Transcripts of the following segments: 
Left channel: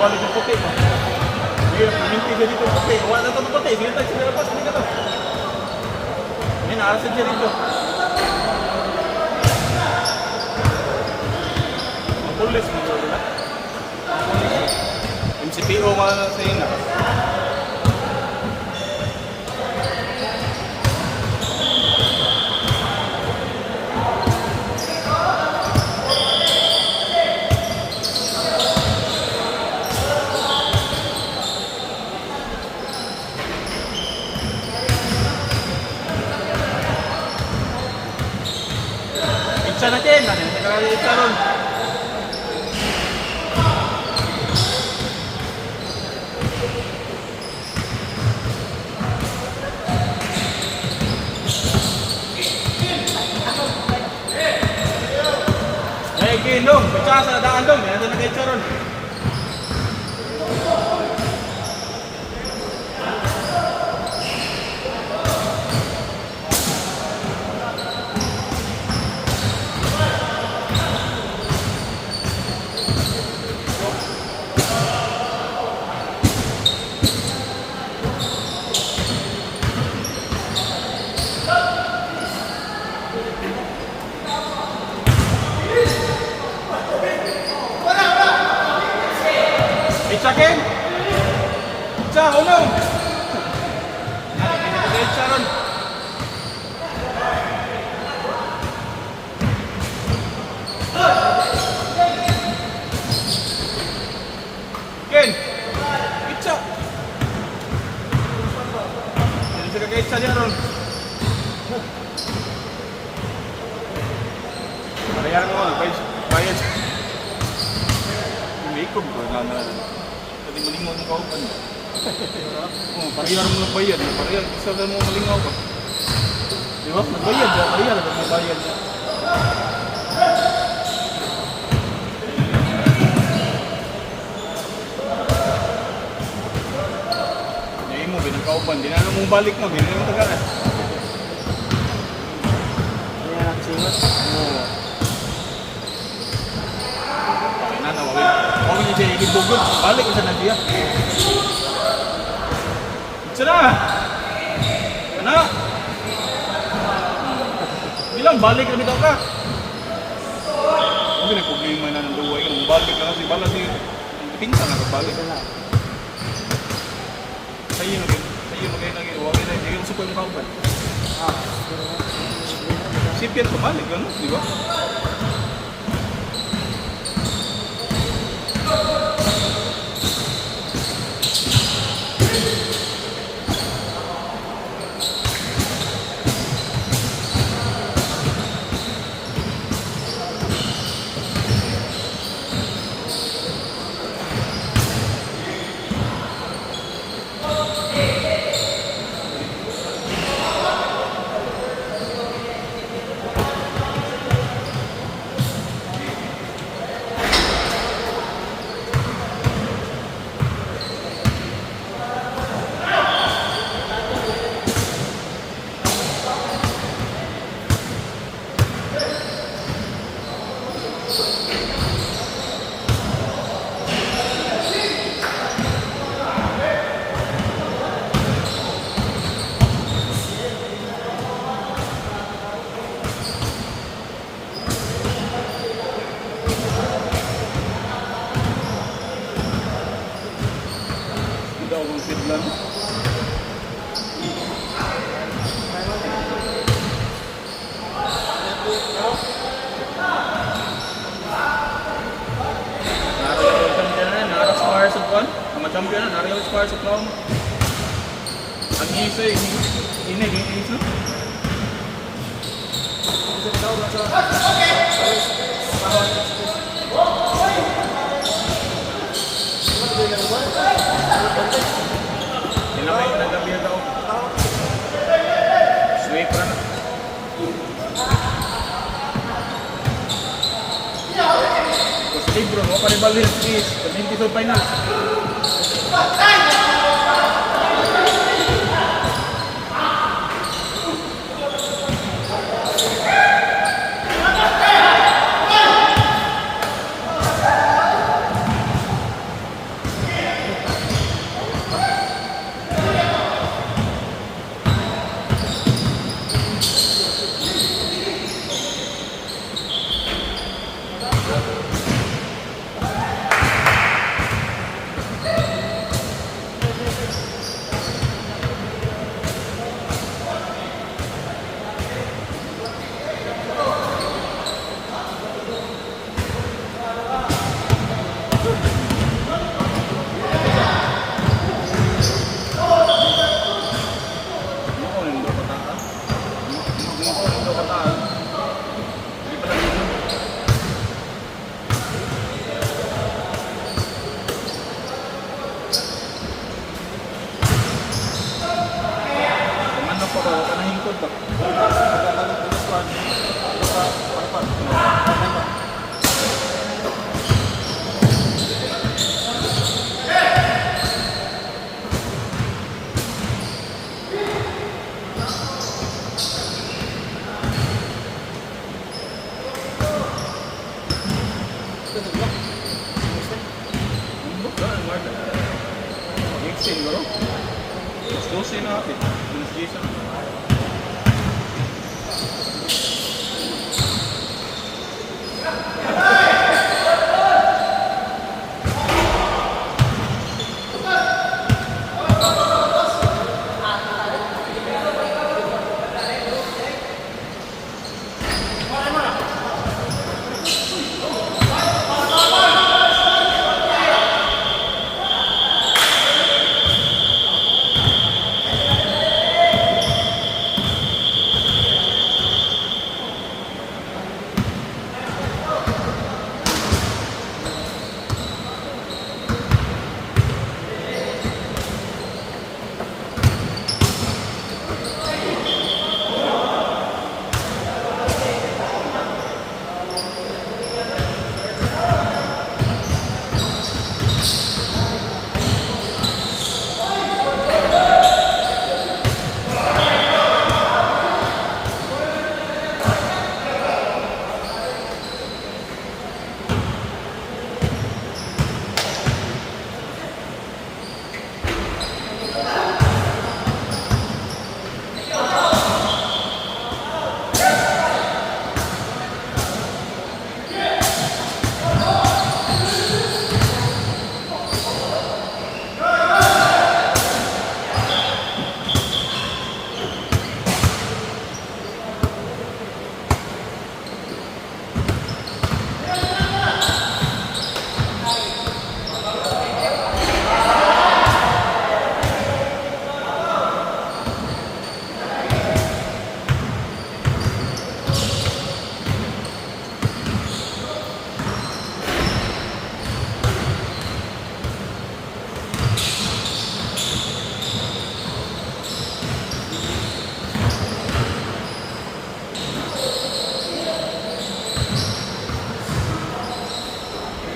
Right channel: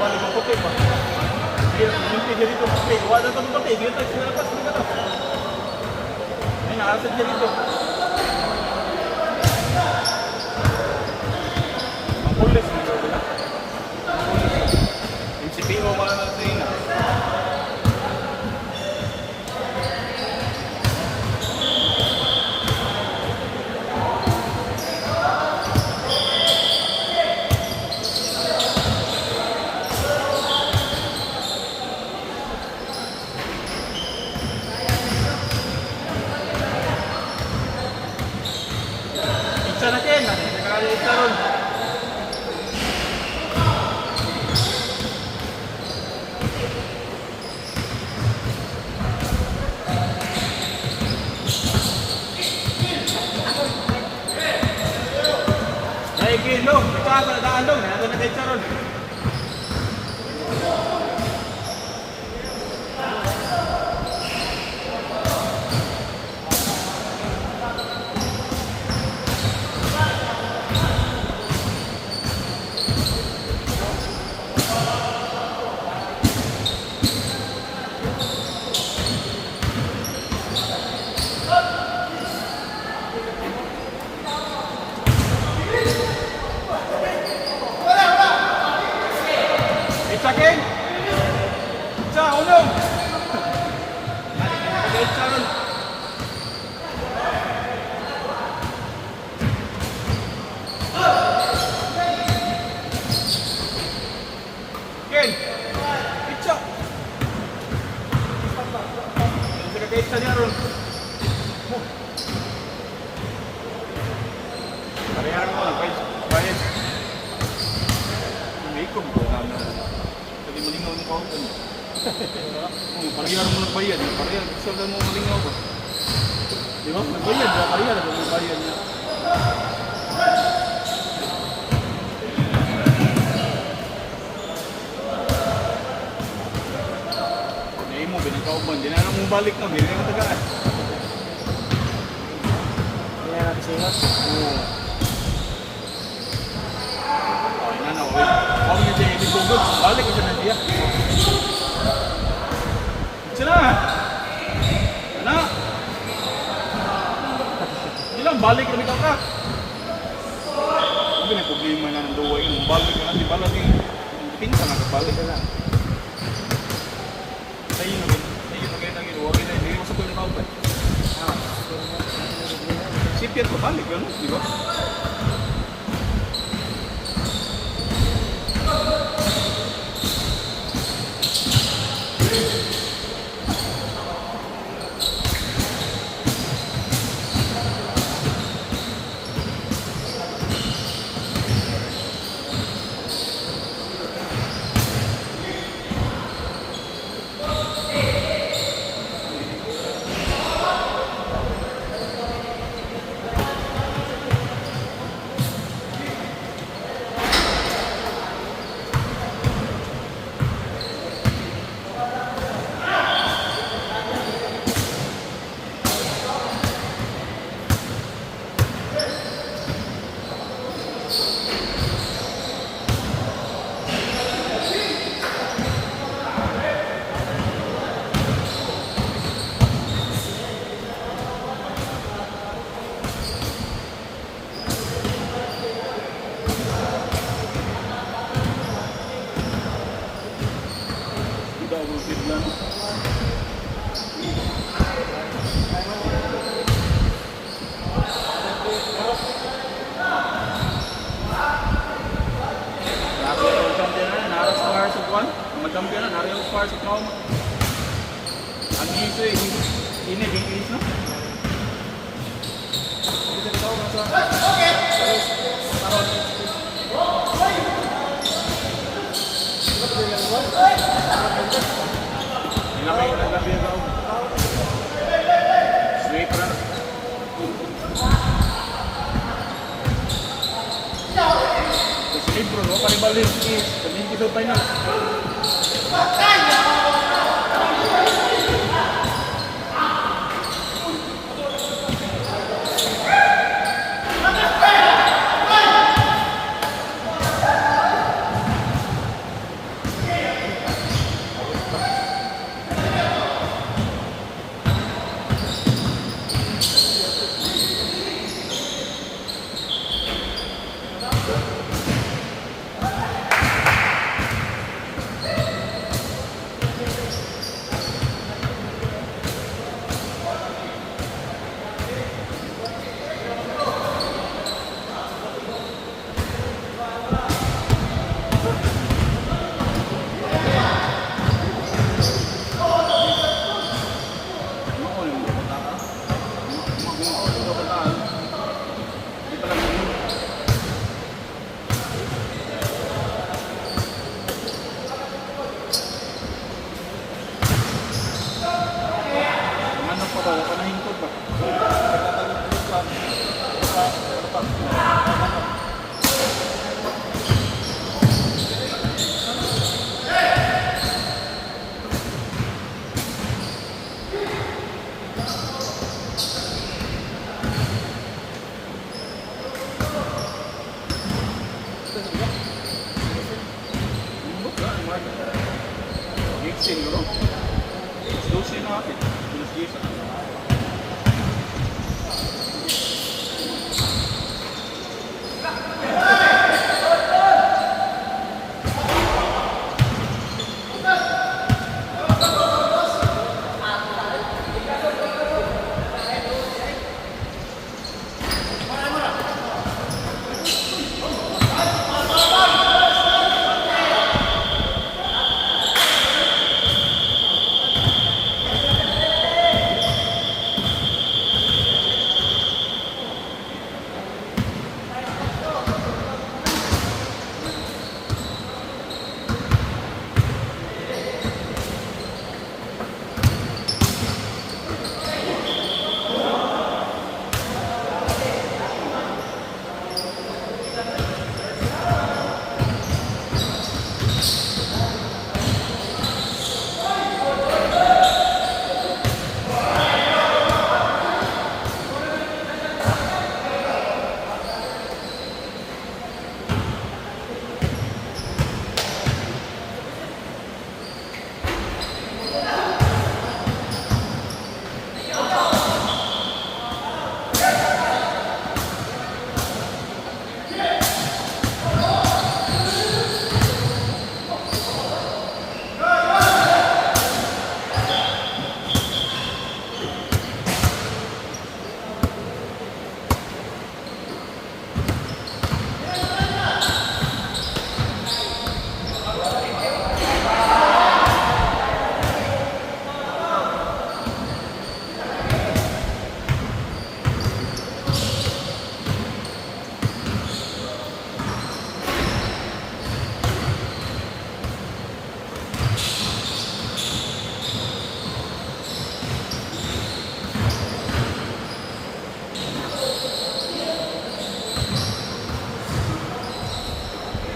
balik yung puti. Sige, minti siya dito puti. Wala na ito puti. Sige tayo, sinalapas mo na ito. Ay, naasad siya dito. Ang pulis mo wala. MCPO ka na sa ina. Itsa na kin, itsa ron. Ay, gilong, itsa sa daan dong, yan na itsa ron. Itsa kin? Itsa, ulo! Itsa ron. Ken! Itsa! Yan siya kaka-itsa niya ron. Pareha ko lang, kaya siya. May ikon ko namin. Pwede malingaw ng kaupan. Pareha rin mo bayad. Pareha, isa lang mo malingaw ka. Di ba? Magbayad ba? Pareha lang mo bayad niya. Hindi mo, binangkauban. Di na lang mong balik na. Hindi na yung taga. Ayan ang sinas. Oo. Ay na, huwag niya siya ikidugod. Balik ko sa nagya. Itsa na! Ano? Ilang balik na bitaw ka? Hindi na problema na ng duwa yun. Balik na kasi balag yun. Pinsa na balik na. Sa'yo na kayo nag-iwa. Hindi yung suko yung kauban. Sipir ko balik ano? Di ba? Biglang champion na rin square sa crown. Ang easy, ini. Inamay na gabi daw. Sweet run. Terus libro, no? Panibalin, please. Pag-hindi sa final. 12 siguro. 12 na natin. 12 na.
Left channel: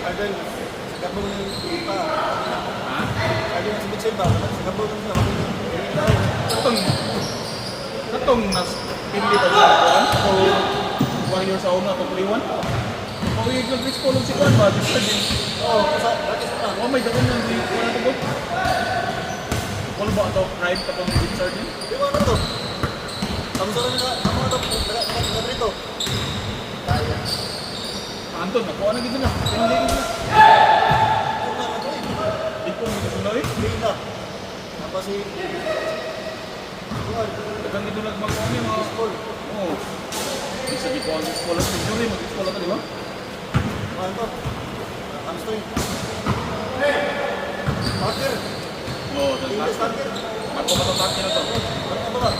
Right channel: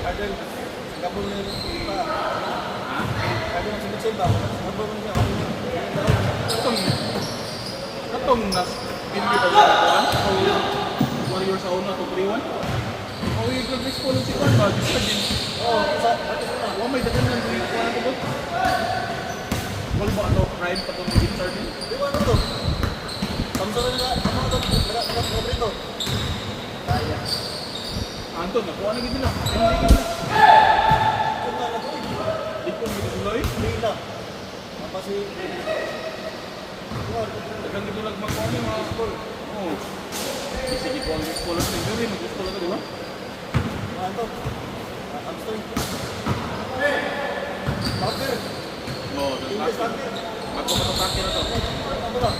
Idol, gabong pa. Ayun, sinitsimba. Gabong na. Atong nas pindi pa ba kuan? O wala yung sa una to kliwan? O yung pag-fix ko lang si kuan ba? Bisa din. Oo, kasi Oh, may dagan ng di kuan ko. Wala ba daw crime pa tong Richard ni? di ba ano to? Samsung na ano to? Wala dito. Kaya. Anton, nakuha na gito mo. Ano na gito? Di ko na gito na eh. Bigla. Kasi Dagan gito nagmakaon yung mga school. Oo. Bisa di ko ang school sa school eh. Mag-school ka di ba? ano to? Samsung. Order. Oo, English dalaga. order. Ako matatake na to. Ano ba?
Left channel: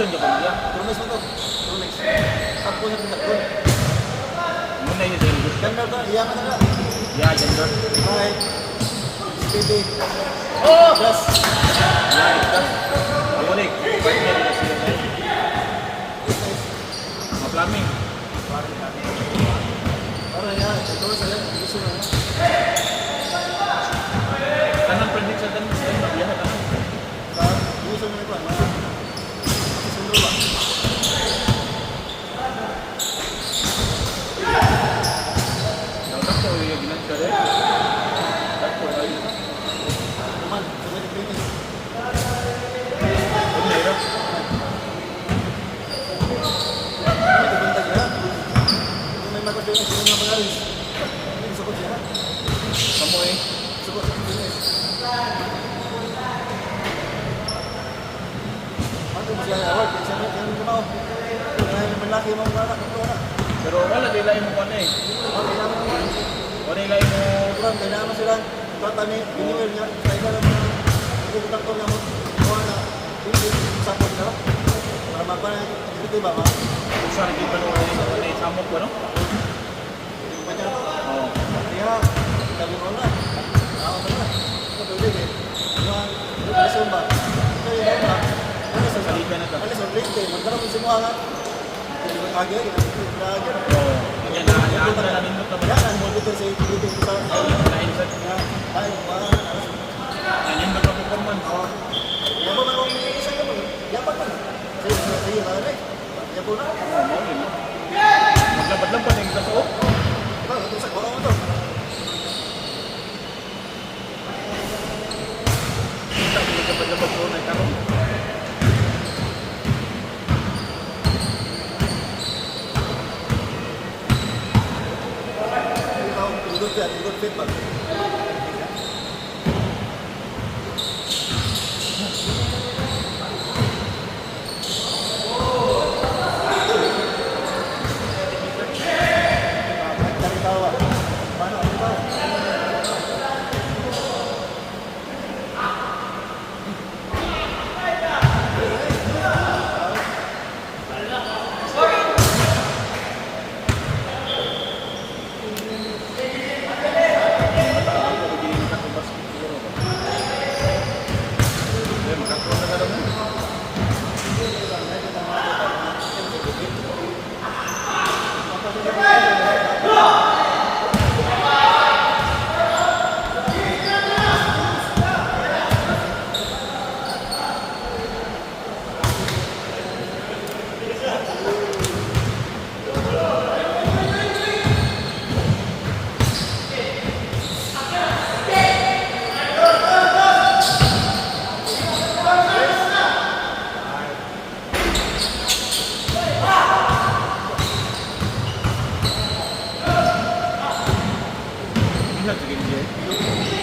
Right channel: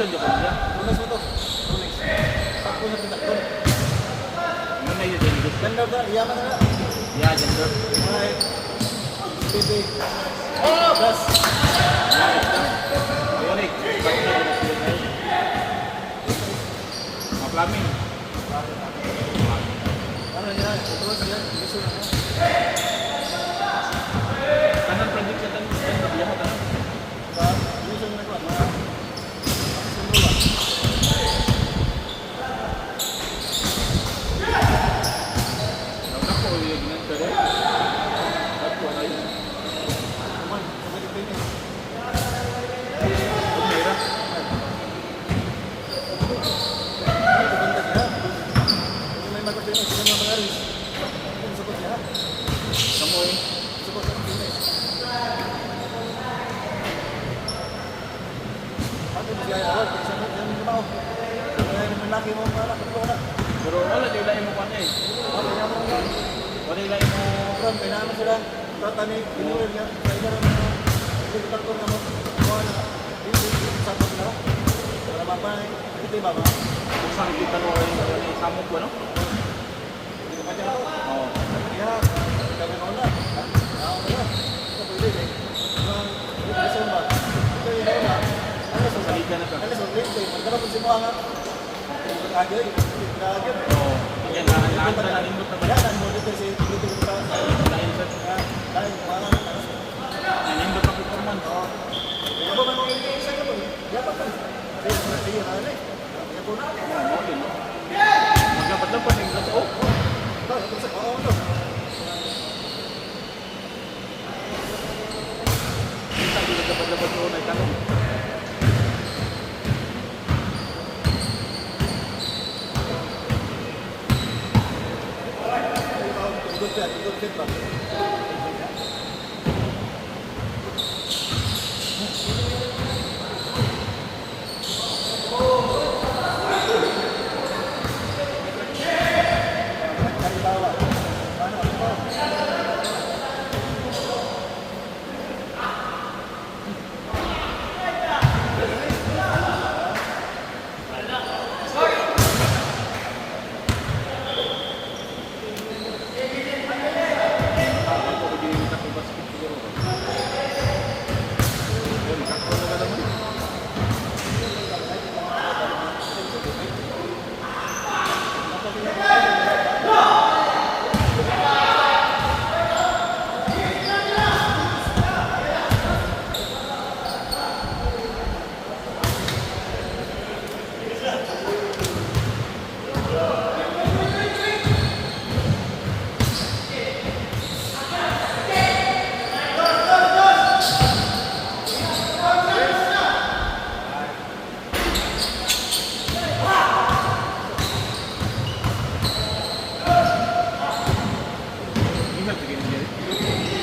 Production ka pa niya. Tumas mo ito. Tulis. Sampo na pinakbo. Muna yun din. Ganda ka, iyakan na. Yeah, ganda. Right. Speaking. Oh! Plus. Yeah, ganda. Iwanik. Partner na sila na yun. Plumbing. Ano yan? Ito sa yan. Gusto na. Kanang prediction kan lahat ako. Gusto na ito. Gusto na. Bakit ko yung ginagkaro? Ako ay Man, sige, finish. pumero. Ito banda niya. Hindi na nakatunan sila ng mga alis. Hindi sukot siya. Kamoy. Sukot ang finish. Ako na siya award. Kaya siya yung lumaw. Kaya malaki mo ang karak. Pero wala din lain mo kanay. Okay naman naman. Wala lain mo Kailangan kailangan sila tatani binuil nga sa iba lang hindi ko takto nga mga sa kanila tama ba ito ba ma usan di pa no ni samot ko no. Oh. kaya kami mo na ako na ito pwede yung presyon ba ito yung na ano sa Salika na to. ano sa liste nagkaroon sa mga kagir kagir Oh. Kanya na ato na nindot na ba? yan mo dito sa dito sa Lain sa ay nindot na performance. Yaman ako ng isa ko. Yaman ko. Sa'yo na ulit. Yaman na. Oh, yun. Maglapad-lapad ang katao. Ito, ito sa bawang to. Hindi ka paglapad ko na tanong. Tudok ka, tudok fit ba? Ano tawa? Paano ano tawa? Minsan sige niya.